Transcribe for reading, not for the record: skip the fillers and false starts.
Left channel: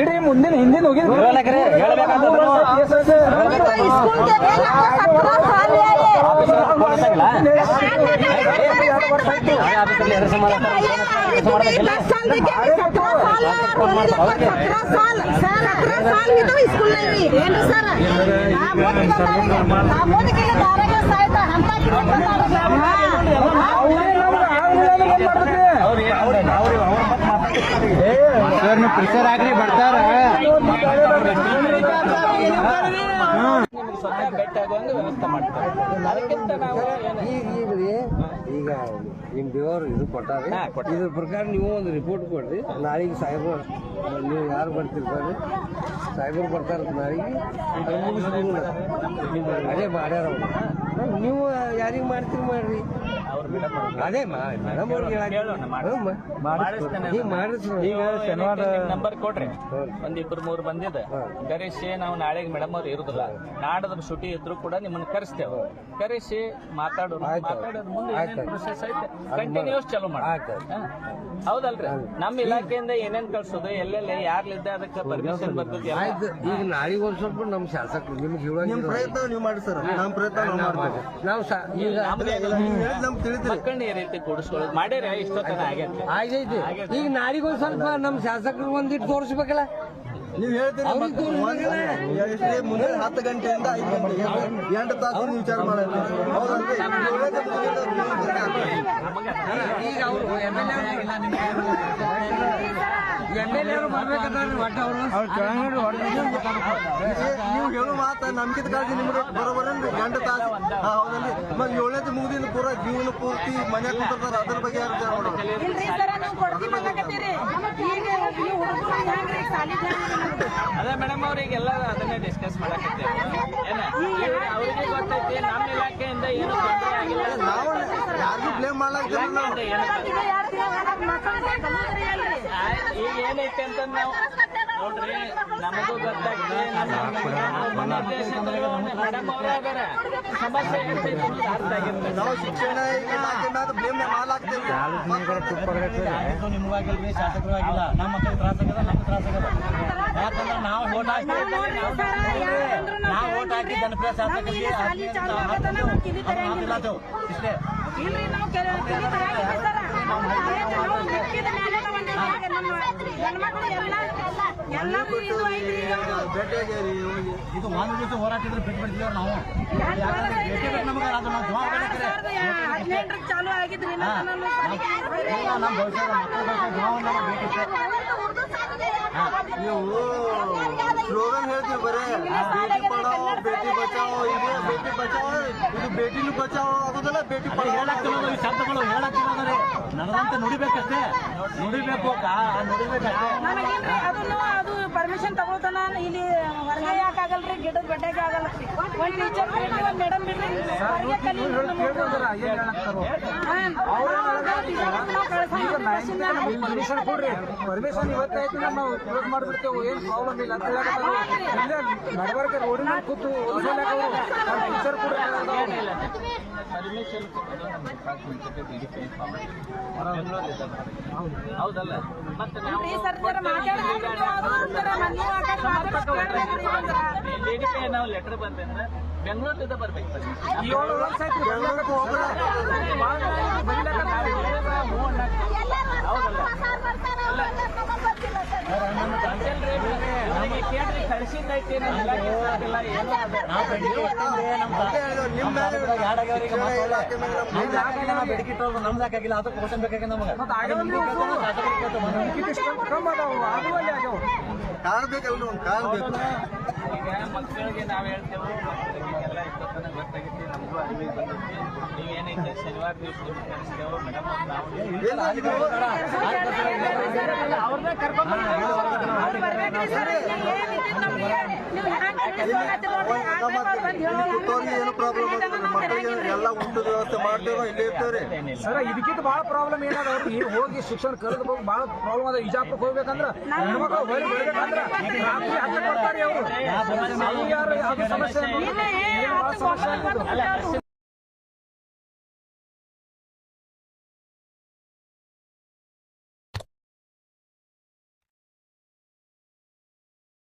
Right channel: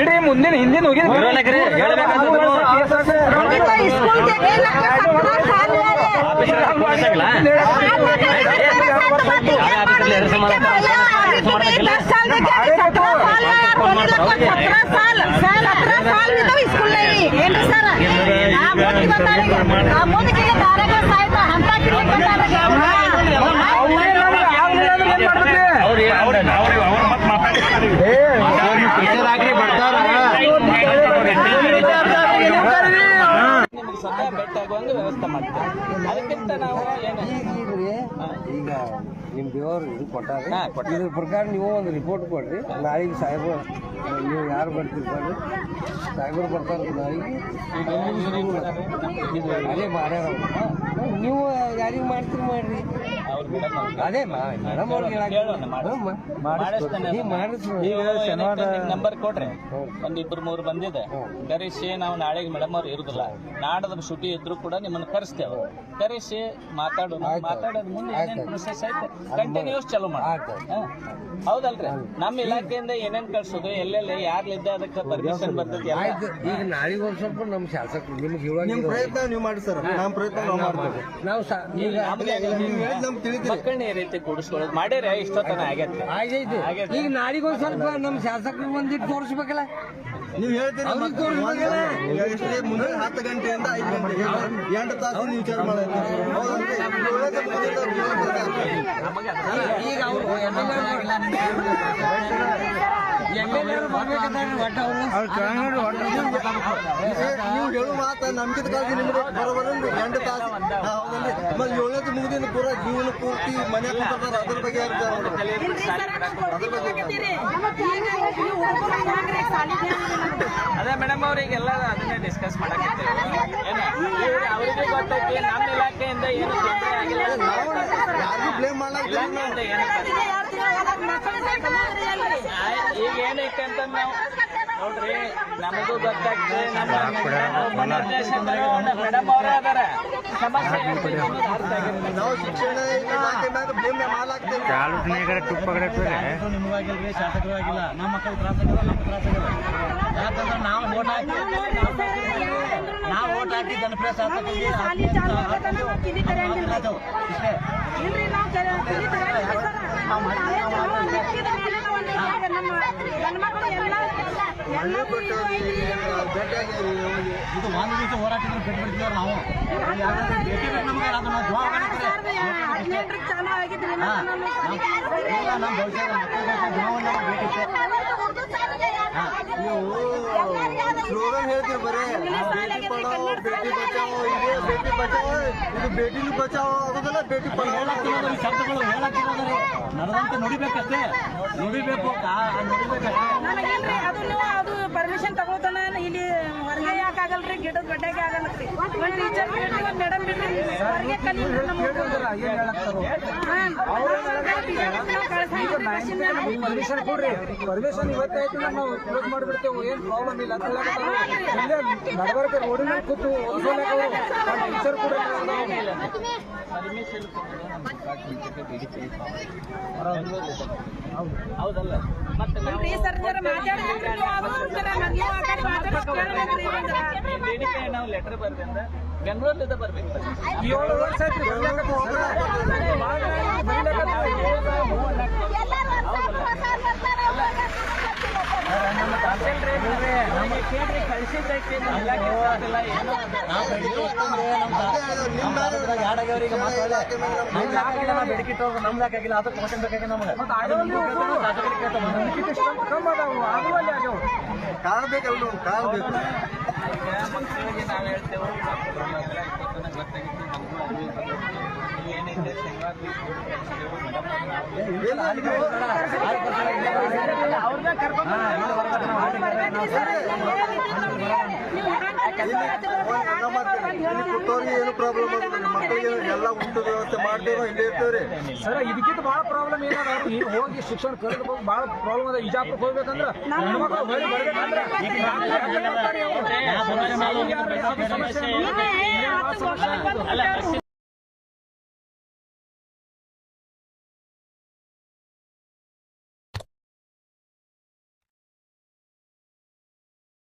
ಬಿಡಿ ಮುಂದಿನ ಹಿಂದಿನ ಹೋಗಿ ಆಗ್ರಿ ಬರ್ತಾರ ಸ್ವತಃ ಬೆಟ್ಟ ಆಗುವಂಗೆ ವ್ಯವಸ್ಥೆ ಮಾಡ್ತಾರೆ. ಅದಕ್ಕಿಂತ ನಾವು ಈಗ ನಿಮ್ ದೇವರು ಇದು ಕೊಟ್ಟಾರೆ, ಇದ್ರ ಪ್ರಕಾರ ನೀವು ಒಂದು ರಿಪೋರ್ಟ್ ಕೊಡ್ರಿ. ನಾಳೆಗೆ ಸಾಹೇಬರು ನೀವು ಯಾರು ಬರ್ತೀರಿ ಬರ್ರಿ, ಸಾಹೇಬರು ಬರ್ತಾರೆ ನಾಳೆಗೆ ಅದೇ ಮಾಡ್ಯಾರ. ನೀವು ಯಾರಿಗೆ ಮಾಡ್ತೀರಿ ಮಾಡ್ರಿ, ಅದೇ ಮೇಡಮ್ ಅವ್ರಿಗೆ ನಂಬರ್ ಕೊಡ್ರಿ. ಒಂದಿಬ್ರು ಮೂರು ಬಂದಿದೆ ಕರೆಸಿ ನಾವು ನಾಳೆಗೆ ಮೇಡಮ್ ಅವ್ರು ಇರುದಿಲ್ಲ, ನಾಡದ ಶುಟಿ ಇದ್ರು ಕೂಡ ನಿಮ್ಮನ್ನ ಕರೆಸ್ತೇವೆ. ಕರೆಸಿ ಮಾತಾಡೋದು ಮುಂದೆ ಪ್ರೊಸೆಸ್ ಐತೆ ಕಂಟಿನ್ಯೂಸ್ ಚಾಲೂ ಮಾಡಿ. ಹೌದಲ್ರಿ, ನಮ್ಮ ಇಲಾಖೆಯಿಂದ ಏನೇನ್ ಕಳ್ಸೋದು ಎಲ್ಲೆಲ್ಲ ಯಾರ್ಲಿದ್ದ ಅದಕ್ಕೆ ಪರ್ಮಿಷನ್ ಬರ್ತದೆ. ಈಗ ನಾಳೆಗೆ ಒಂದ್ ಸ್ವಲ್ಪ ನಮ್ಮ ಶಾಸಕರು ನಿಮ್ಗೆ ಪ್ರಯತ್ನ ನೀವು ಮಾಡಿ ಸರ್, ನಮ್ಮ ಪ್ರಯತ್ನ ನಾವು ಮಾಡ್ತೇವೆ. ನಾವು ಈಗ ಮಕ್ಕಳನ್ನ ಈ ರೀತಿ ಕೂಡಿಸ್ಕೊಳ್ಳೋದು ಮಾಡ್ಯಾರ ಇಷ್ಟೊತ್ತನ ಆಗೈತಿ. ಈಗ ನಾಳೆಗೆ ಒಂದ್ ಸ್ವಲ್ಪ ನಮ್ಮ ಶಾಸಕರು ಒಂದಿಟ್ಟು ತೋರಿಸ್ಬೇಕಲ್ಲ. ನೀವು ಹೇಳ್ತೀರಿ ಮುಂದೆ 10 ಗಂಟೆಯಿಂದ 5 ಗಂಟೆ 8 ತಾಸು ನೀವು ವಿಚಾರ ಮಾಡೋದು. ಈಗ ಅವರು ನೀವು ಹೇಳು ಮಾತ ನಮ್ಗಿಂತ ಕಾಳಜಿ ನಿಮ್ಗೆ ಬರೋಬರನ್ರಿ. 8 ತಾಸು ಹೌದಲ್ರಿ. ಮತ್ತೆ 7ನೇ ಮುಗಿದಿಂದ ಪೂರ ಜೀವನ ಪೂರ್ತಿ ಮನೆ ಕುಂತಾರ, ಅದ್ರ ಬಗ್ಗೆ ಅದೇ ಮೇಡಮ್ ಅವ್ರಿಗೆಲ್ಲ ಅದನ್ನೇ ಡಿಸ್ಕಸ್ ಮಾಡಕತ್ತೇವೆ. ಅವ್ರಿಗೆ ಗೊತ್ತೈತಿ ನಮ್ಮ ಇಲಾಖೆಯಿಂದ ಏನು ತೊಂದರೆ ಆಗಿಲ್ಲ, ನಾವು ಯಾರಿಗೂ ಬ್ಲೇಮ್ ಮಾಡ್ಲಾಗ್ತೀವಿ. ಈಗ ಏನೈತೆ ಅಂತ ನಾವು ನೋಡ್ರಿ, ನಮಗೂ ಗೊತ್ತಾಗ್ತದೆ. ಮೇಡಮ್ ಅವರೇ ಅದಾರ, ಸಮಸ್ಯೆ ಅರ್ಥ ಆಗಿರ್ತದೆ. ನಾವು ಶಿಕ್ಷಣ ಇಲಾಖೆ ಮ್ಯಾಗ ಬ್ಲೇಮ್ ಮಾಡ್ಲಾಗ್ತೇವೆ. ನಿಮಗಾಗಿಲ್ರಿ, ಶಾಸಕರು ಆಗಿಲ್ಲ, ನಮ್ಮ ಮಕ್ಕಳು ತ್ರಾಸಾಗಿಲ್ಲ, ನಮ್ಮ ತ್ರಾಸಾಗಿಲ್ಲ. ಯಾಕಂದ್ರೆ ನಾವು ಓಟ್ ಹಾಕಿ ಜನಪ್ರಿಯ ಶಾಸಕರಿಗೆ ಇದು ಒಂದು ದಿವಸ ಹೋರಾಟಕ್ಕೆ ಬಿಟ್ಟು ಬಿಡ್ತಿದ್ದಾರೆ ನಾವು. 2018 ಚಾಲು ಆಗಿದ್ರಿ ನಮ್ಮ ಭವಿಷ್ಯದ ನೀವು ಸ್ಲೋಗನ್ ಹೇಳ್ತೀವಿ ಬರೇ ಬೇಟಿ ಪಡಾವೋ ಬೇಟಿ ಬಚಾವೋ. ಇದೇ ಬೇಟಿ ಬಚಾವೋ, ಇದು ಬೇಟಿನೂ ಬಚಾವೋ ಆಗೋದಲ್ಲ, ಬೇಟಿ ಪಡಾವೋ ಶಬ್ದಗಳು ಹೇಳಕ್ಕಿರೋದ್ರೆ ನಡೆದಂತೆ ನುಡಿಬೇಕಷ್ಟೇ, ನುಡಿಬೇಕು. ಅದು ಪರ್ಮಿಷನ್ ತಗೋತಾನ ಇಲ್ಲಿ ಹೊರಗೆ ಯಾಕಾಗಲ್ರಿ, ಗಿಡದ ಬಡ್ಡೆಗೆ ಆಗಲ್ರಿ. ಒಂದು ಟೀಚರ್ ಮೇಡಮ್ ಪರ್ಮಿಷನ್ ಕೊಡ್ರಿ, ಪರ್ಮಿಷನ್ ಇವತ್ತಾಯ್ತು ನಾವು ಕ್ಲೋಸ್ ಮಾಡಿಬಿಡ್ತೇವೆ, ಏನ್ ಪ್ರಾಬ್ಲಮ್ ಇಲ್ಲ ಅಂತ ಹೇಳಕತ್ತಾರು. ಇಲ್ಲೇ ನಡಬರ್ಕೆ ರೋಡಿನ ಮೇಲೆ ಕೂತು ಓದಿಸೋಲ್ಯಾಕ ಅವರು ಟೀಚರ್ ಕೂಡ ಪರ್ಮಿಷನ್ ಕೊಡೋದು ನಮ್ಮ ಡಿಪಾರ್ಟ್ಮೆಂಟ್ ಹೌದಲ್ಲ. ಮತ್ತೆ ನಾವು ಬೇಡಿಕೆ ನಾವು ಲೆಟರ್ ಬರ್ದಿಂದ ಬೆಂಗಳೂರಿಂದ ಬರ್ಬೇಕು. 7 ವರ್ಷ ಆಯ್ತು ಕೇಳ್ರಿ, ಕಳಿಸಿದ್ದೈತಿ ಬೇಡಿಕೆ ನಮ್ಗೆ ಹಾಕಾಗಿಲ್ಲ, ಅದಕ್ಕೆ ಕ್ವಶನ್ ಬೇಕಾಗಿ ನಮ್ಗೆ ಕಾಲ್ಬೇಕಲ್ಲ, ಕಾಲ್ಬೇಕು. ಮಕ್ಕಳಿಗೆ ನಾವು ಹೇಳ್ತೇವೆ ಗೊತ್ತಾಗಿತ್ತು, ನಮಗೂ ಅರಿವು ಏನೈತೆ ಶನಿವಾರ ಮೇಡಮ್ ಅವ್ರನ್ನ ಕರ್ಕೊಂಡು ಏನು ಪ್ರಾಬ್ಲಮ್ ಮಕ್ಕಳಿಗೆ ಎಲ್ಲ ಊಟದ ವ್ಯವಸ್ಥೆ ಮಾಡ್ತೇವೆ, ಇಲ್ಲೇ ಇರ್ತೇವ್ರಿ ಸರ್. ಇದಕ್ಕಿಂತ ಬಹಳ ಪ್ರಾಬ್ಲಮ್ ಏನಾದ ಈಗ ಹೋಗಿ ಶಿಕ್ಷಣ ಕಳೆದ ಬಹಳ ಪ್ರಾಬ್ಲಮ್ ಅದ. ಇಜಾಪುರಕ್ಕೆ ಹೋಗ್ಬೇಕಂದ್ರ ಹೆಣ್ಮಕ್ಳು ಹೊಳಿ ಬರ್ಬೇಕಂದ್ರ ರಾತ್ರಿ 10 ಬರ್ತಾರೆ ಅವರು. ಸಮಸ್ಯೆ